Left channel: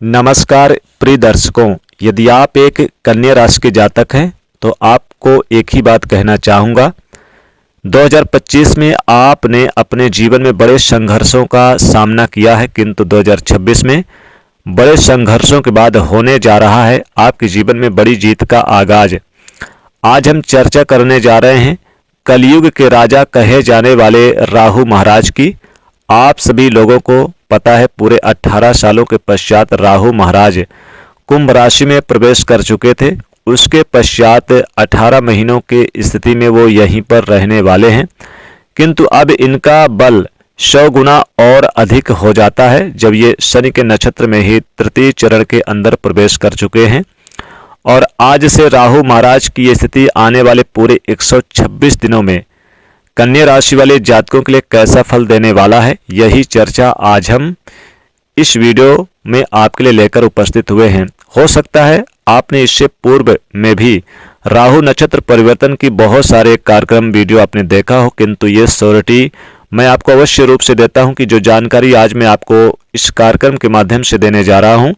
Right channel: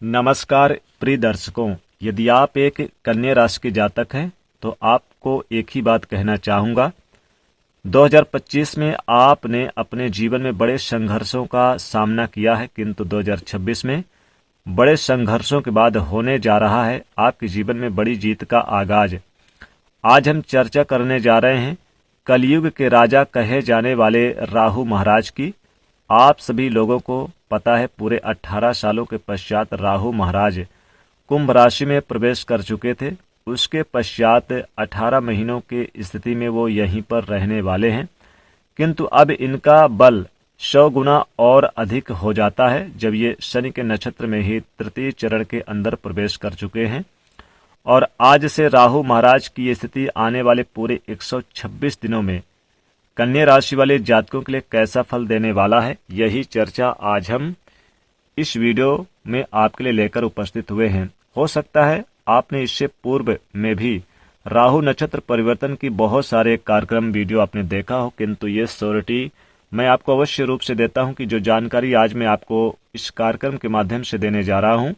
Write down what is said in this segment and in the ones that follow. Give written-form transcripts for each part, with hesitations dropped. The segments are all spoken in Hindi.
नमस्कार प्रिय दर्शकों, यदि आप एक कन्या राशि के जातक हैं तो आपको एक ही बात कहना चाहूँगा। 2025 में आपने अपने जीवन में बड़े संघर्षों का सामना किया है, किंतु 2026 में बड़े संघर्षों के बाद होने जा रहा है आपके जीवन में बड़ी जीत का आगाज। आज हम चर्चा करने जा रहे हैं कलयुग के राजा कहे जाने वाले राहु महाराज की। आप सभी लोगों को पता है पूरे 18 सालों के पश्चात राहु महाराज कुंभ राशि में प्रवेश कर चुके थे। उसके पश्चात 18 महीनों की स्थिति में वो यहीं पर रहने वाले हैं, किंतु अब इनका बल 100 गुना और अधिक हो जाता है जब ये शनि के नक्षत्र में ही तृतीय चरण के अंदर प्रवेश कर चुके हैं। और आज से राहु महाराज की ये स्थिति आने वाले पूरे 126 दिनों में कन्या राशि वाले जातकों के लिए कैसा फल देने वाला है, यही चर्चा आज हम इस वीडियो में आपके लिए लेकर उपस्थित हुए हैं। हो सकता है आपने इससे पूर्व में भी राहु नक्षत्र परिवर्तन की बहुत सारे कार्यक्रम वीडियो आपने देखा हो, किंतु ये श्योरिटी मैं आपको अवश्य रूप से देता हूं कि जो जानकारी आज मैं आपको इस कार्यक्रम के माध्यम से देने जा रहा हूं,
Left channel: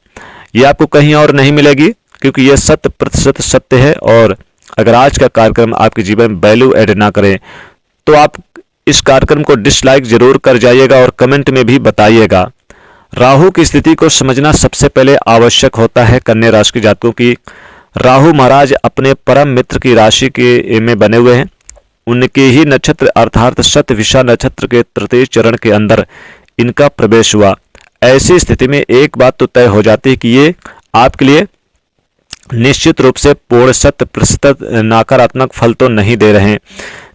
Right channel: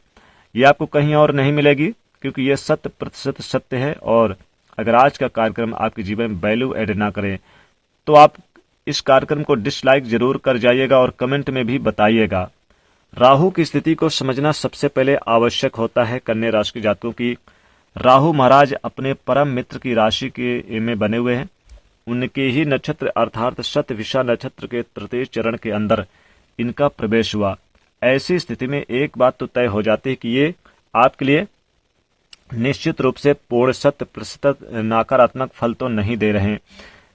ये आपको कहीं और नहीं मिलेगी, क्योंकि ये 100% सत्य है। और अगर आज का कार्यक्रम आपके जीवन में वैल्यू ऐड ना करें तो आप इस कार्यक्रम को डिसलाइक जरूर कर जाइएगा और कमेंट में भी बताइएगा। राहु की स्थिति को समझना सबसे पहले आवश्यक होता है कन्या राशि के जातकों की। राहु महाराज अपने परम मित्र की राशि के में बने हुए हैं। उनके ही नक्षत्र अर्थात शतभिषा नक्षत्र के तृतीय चरण के अंदर इनका प्रवेश हुआ। ऐसी स्थिति में एक बात तो तय हो जाती है कि ये आपके लिए निश्चित रूप से पूर्ण 100% नकारात्मक फल तो नहीं दे रहे हैं,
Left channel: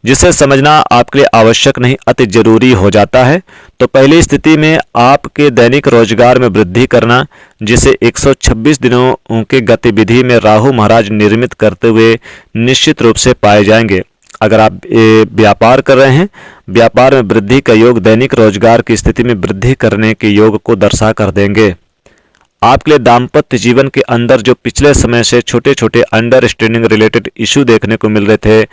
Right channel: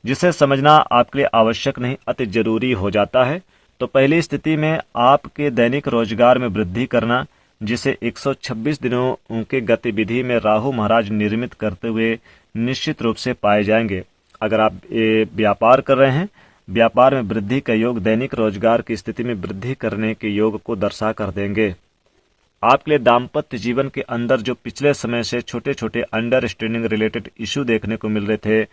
जिसे समझना आपके लिए आवश्यक नहीं अति जरूरी हो जाता है। तो पहली स्थिति में आपके दैनिक रोजगार में वृद्धि करना, जिसे 126 दिनों के गतिविधि में राहु महाराज निर्मित करते हुए निश्चित रूप से पाए जाएंगे। अगर आप व्यापार कर रहे हैं, व्यापार में वृद्धि का योग दैनिक रोजगार की स्थिति में वृद्धि करने के योग को दर्शा कर देंगे। आपके लिए दाम्पत्य जीवन के अंदर जो पिछले समय से छोटे छोटे अंडरस्टैंडिंग रिलेटेड इशू देखने को मिल रहे थे,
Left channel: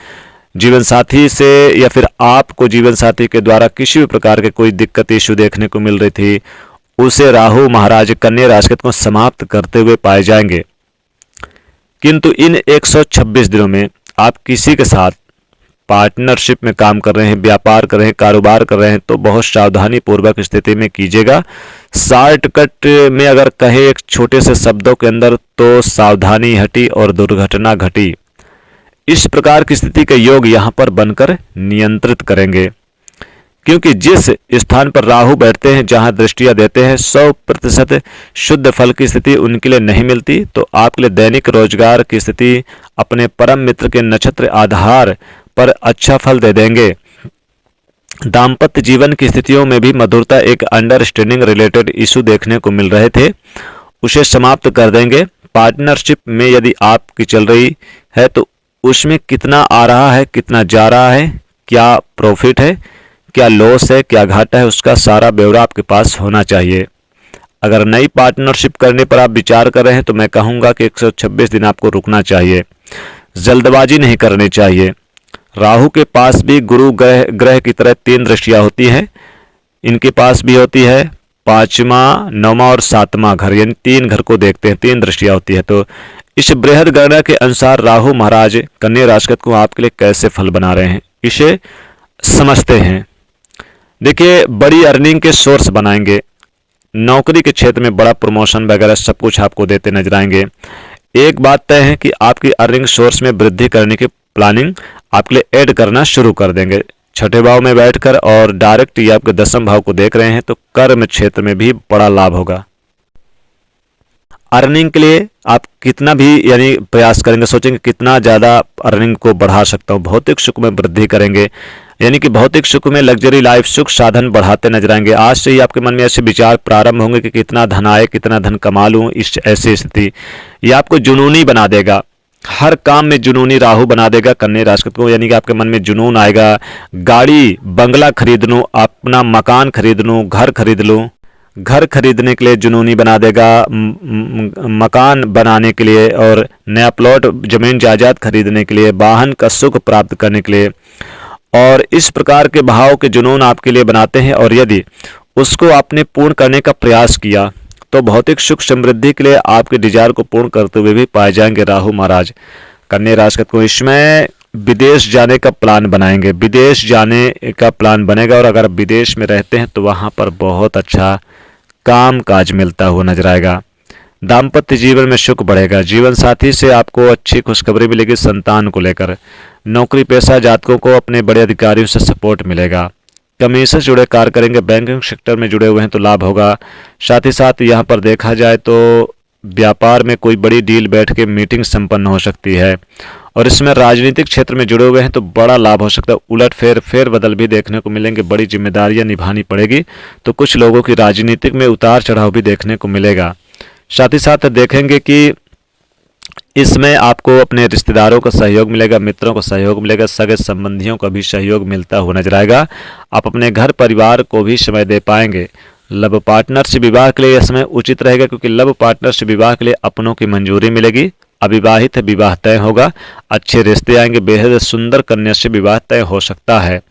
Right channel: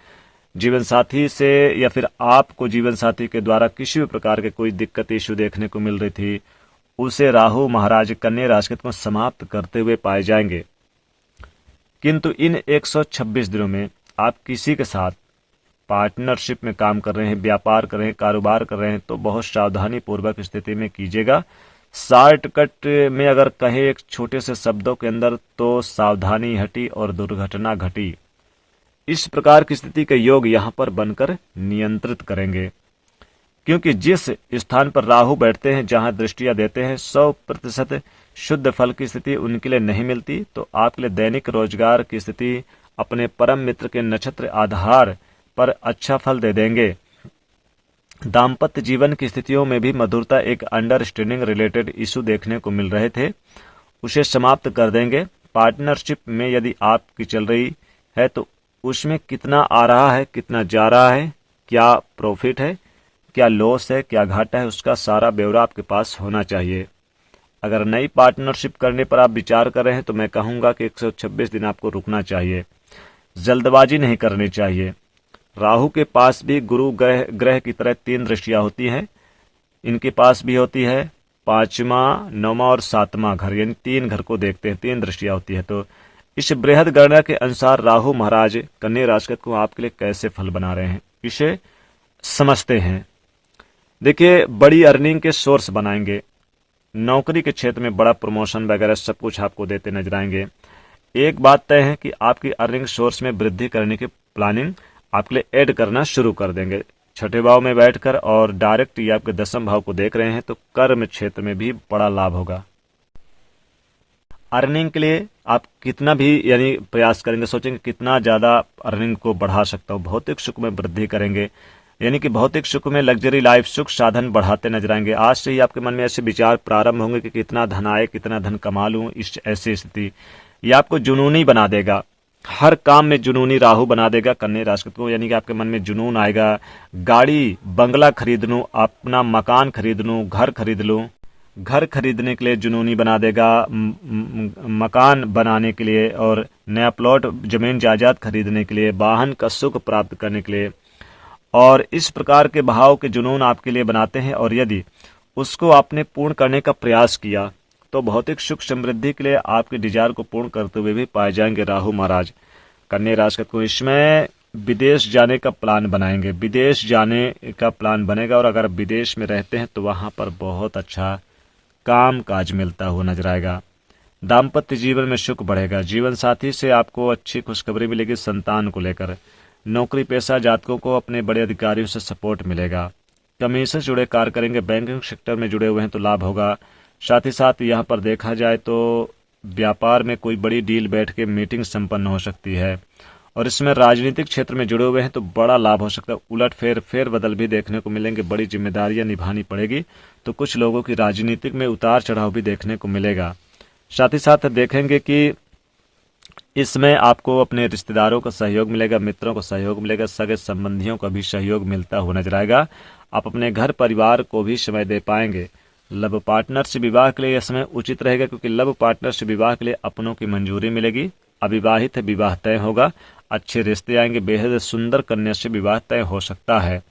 जीवन साथी से या फिर आपको जीवन साथी के द्वारा किसी भी प्रकार के कोई दिक्कत इशू देखने को मिल रही थी, उसे राहु महाराज कन्या राशि को समाप्त करते हुए पाए जाएंगे। किंतु इन 126 दिनों में आप किसी के साथ पार्टनरशिप में काम कर रहे हैं, व्यापार कर रहे हैं, कारोबार कर रहे हैं, तो बहुत सावधानी पूर्वक स्थिति में कीजिएगा। शॉर्टकट में अगर कहे एक छोटे से शब्दों के अंदर, तो सावधानी हटी और दुर्घटना घटी। इस प्रकार की स्थिति के योग यहाँ पर बनकर नियंत्रित करेंगे, क्योंकि जिस स्थान पर राहु बैठते हैं, जहाँ दृष्टियाँ देते हैं, 100% शुद्ध फल की स्थिति उनके लिए नहीं मिलती। तो आपके लिए दैनिक रोजगार की स्थिति अपने परम मित्र के नक्षत्र आधार पर अच्छा फल दे देंगे। दाम्पत्य जीवन की स्थितियों में भी मधुरता, एक अंडरस्टैंडिंग रिलेटेड इशू देखने को मिल रहे थे, उसे समाप्त कर देंगे। पार्टनरशिप में यदि आपकी चल रही है तो उसमें कितना आ रहा है, कितना जा रहा है, क्या प्रॉफिट है, क्या लॉस है, क्या घाटा है, उसका सारा ब्यौरा आपके पास होना चाहिए। अगर नई पार्टनरशिप करने पर आप विचार कर रहे हैं तो मैं कहूँगा कि 126 दिन आपको रुकना चाहिए, जल्दबाजी नहीं करनी चाहिए। राहु के पास भी गुरु ग्रह की तरह 3 दृष्टियाँ होती हैं, इनके पास भी होती है 5वां, 9वां और 7वां घर, यानी 3 घर को देखते हैं, 3 दृष्टियाँ होती है। तो इस बृहद गणना के अनुसार राहु महाराज कन्या राशि को आपके लिए कैसे फल बना रहे हैं, इसे समझते हैं। देखिए, बड़ी अर्निंग के सोर्स बनाएंगे, नौकरी के क्षेत्र में बड़ा प्रमोशन वगैरह सब कुछ आपको देते नजर आएंगे। एक बात तय है कि आपकी अर्निंग सोर्स में वृद्धि करने की प्लानिंग आपके लिए ऐड करना शुरू कर देंगे। छठे भाव में बैठकर और डायरेक्ट ये आपके 10वें भाव को देख रहे हैं, तो कर्म क्षेत्र में भी बड़ा लाभ होगा। अर्निंग के लिए आप कितना भी यानी प्रयास करेंगे, सोचेंगे कितना ज़्यादा अर्निंग को बढ़ा सकता हूँ, भौतिक सुख में वृद्धि करेंगे, यानी कि भौतिक सुख में लग्जरी लाइफ सुख साधन बढ़ाते नजर आएंगे। आज से ही आपके मन में ऐसे विचार प्रारंभ होंगे कि कितना धन आए, कितना धन कमा लूँ। इस ऐसी स्थिति ये आपको जुनूनी बना देगा, हर काम में जुनूनी राहु बना देगा कन्या राशि को, यानी कि आपके मन में जुनून आएगा, गाड़ी बंगला खरीद लूँ, अपना मकान खरीद लूँ, घर खरीद लूँ, घर खरीदने के लिए जुनूनी बना देगा, मकान बनाने के लिए और नया प्लॉट जमीन जायदाद खरीदने के लिए, वाहन का सुख प्राप्त करने के लिए। और इस प्रकार के भाव के जुनून आपके लिए बनाते हैं, और यदि उसको आपने पूर्ण करने का प्रयास किया तो भौतिक सुख समृद्धि के लिए आपके डिजायर को पूर्ण करते हुए भी पाए जाएंगे राहु महाराज। कन्या राशि को इसमें विदेश जाने का प्लान बनाएंगे, विदेश जाने का प्लान बनेगा और अगर विदेश में रहते हैं तो वहां पर बहुत अच्छा काम काज मिलता हुआ नजर आएगा। दाम्पत्य जीवन में सुख बढ़ेगा, जीवन साथी से आपको अच्छी खुशखबरी मिलेगी संतान को लेकर। नौकरी पेशा जातकों को अपने बड़े अधिकारियों से सपोर्ट मिलेगा। कमीशन से जुड़े कार्य करेंगे, बैंकिंग सेक्टर में जुड़े हुए हैं तो लाभ होगा। साथ ही साथ यहाँ पर देखा जाए तो व्यापार में कोई बड़ी डील बैठ के मीटिंग संपन्न हो सकती है और इसमें राजनीतिक क्षेत्र में जुड़े हुए हैं तो बड़ा लाभ हो सकता है। उलट फेर बदल भी देखने को मिलेंगे, बड़ी जिम्मेदारियां निभानी पड़ेगी तो कुछ लोगों की राजनीतिक में उतार चढ़ाव भी देखने को मिलेगा। साथ ही साथ देखेंगे कि इसमें आपको अपने रिश्तेदारों का सहयोग मिलेगा, मित्रों का सहयोग मिलेगा, सगे संबंधियों का भी सहयोग मिलता हुआ नजर आएगा। आप अपने घर परिवार को भी समय दे पाएंगे। लव पार्टनर से विवाह के लिए इसमें उचित रहेगा क्योंकि लव पार्टनर से विवाह के लिए अपनों की मंजूरी मिलेगी। अविवाहित विवाह तय होगा, अच्छे रिश्ते आएंगे, बेहद सुंदर कन्या से विवाह तय हो सकता है।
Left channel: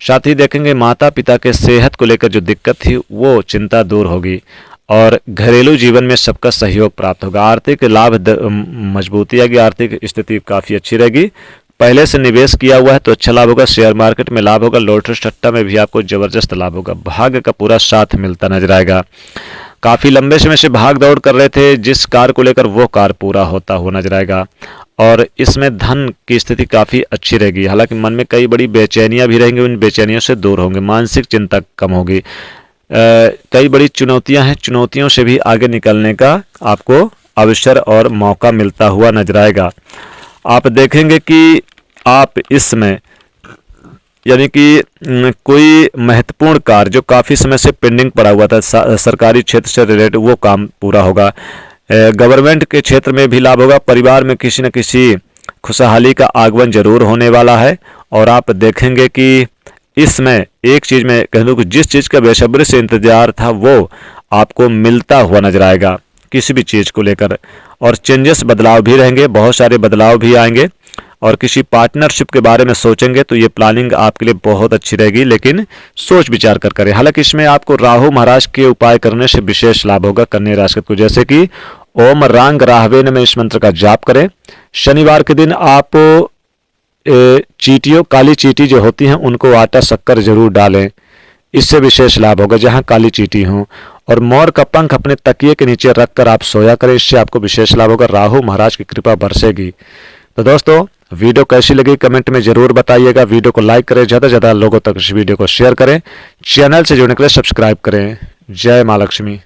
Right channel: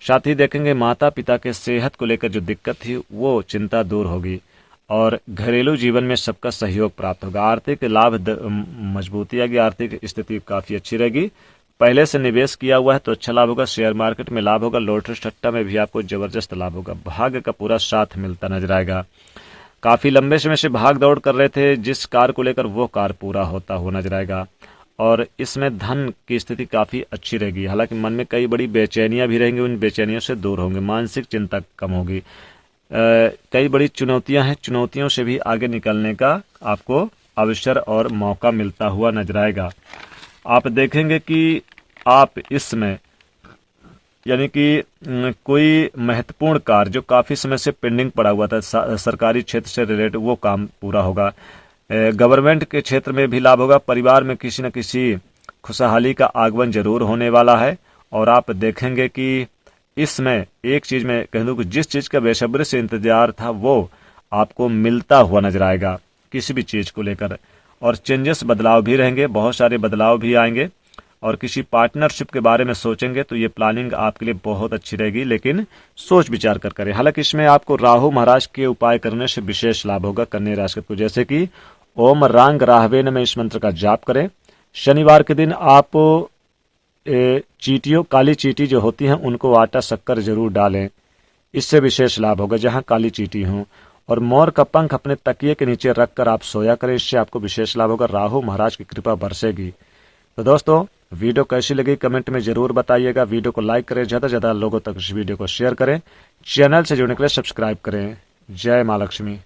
साथ ही देखेंगे माता पिता के सेहत को लेकर जो दिक्कत थी वो चिंता दूर होगी और घरेलू जीवन में सबका सहयोग प्राप्त होगा। आर्थिक लाभ मजबूती आएगी, आर्थिक स्थिति काफ़ी अच्छी रहेगी। पहले से निवेश किया हुआ है तो अच्छा लाभ होगा, शेयर मार्केट में लाभ होगा, लॉटरी सट्टा में भी आपको जबरदस्त लाभ होगा। भाग्य का पूरा साथ मिलता नजर आएगा। काफ़ी लंबे समय से भाग दौड़ कर रहे थे जिस कार्य को लेकर वो कार्य पूरा होता हुआ नजर आएगा और इसमें धन की स्थिति काफ़ी अच्छी रहेगी। हालांकि मन में कई बड़ी बेचैनियां भी रहेंगी, उन बेचैनियों से दूर होंगे, मानसिक चिंता कम होगी। कई बड़ी चुनौतियां हैं, चुनौतियों से भी आगे निकलने का आपको अवसर और मौका मिलता हुआ नजर आएगा। आप देखेंगे कि आप इसमें यानी कि कोई महत्वपूर्ण कार्य जो काफ़ी समय से पेंडिंग पड़ा हुआ था सरकारी क्षेत्र से रिलेटेड वो काम पूरा होगा। गवर्नमेंट के क्षेत्र में भी लाभ होगा। परिवार में किसी न किसी खुशहाली का आगमन जरूर होने वाला है और आप देखेंगे कि इसमें एक चीज़ में कह दूँ कि जिस चीज़ का बेसब्री से इंतजार था वो आपको मिलता हुआ नजर आएगा किसी भी चीज़ को लेकर। और चेंजेस बदलाव भी रहेंगे, बहुत सारे बदलाव भी आएंगे और किसी पार्टनरशिप के बारे में सोचेंगे तो ये प्लानिंग आपके लिए बहुत अच्छी रहेगी, लेकिन सोच विचार कर करें। हालांकि इसमें आपको राहु महाराज के उपाय करने से विशेष लाभ होगा कन्या राशि को, जैसे कि ओम रांग राहवेन में इस मंत्र का जाप करें। शनिवार के दिन आप चींटियों, काली चींटी जो होती हैं उनको आटा शक्कर जरूर डालें, इससे विशेष लाभ होगा जहां काली चींटी हो। और मोर का पंख अपने तकिए के नीचे रखकर आप सोया करें, इससे आपको विशेष लाभ होगा, राहु महाराज की कृपा बरसेगी। तो दोस्तों वीडियो कैसी लगी कमेंट में जरूर बताइएगा। वीडियो को लाइक करें, ज़्यादा से ज़्यादा लोगों तक इस वीडियो को शेयर करें, चैनल से जुड़ने के लिए सब्सक्राइब करें। जय माँ लक्ष्मी।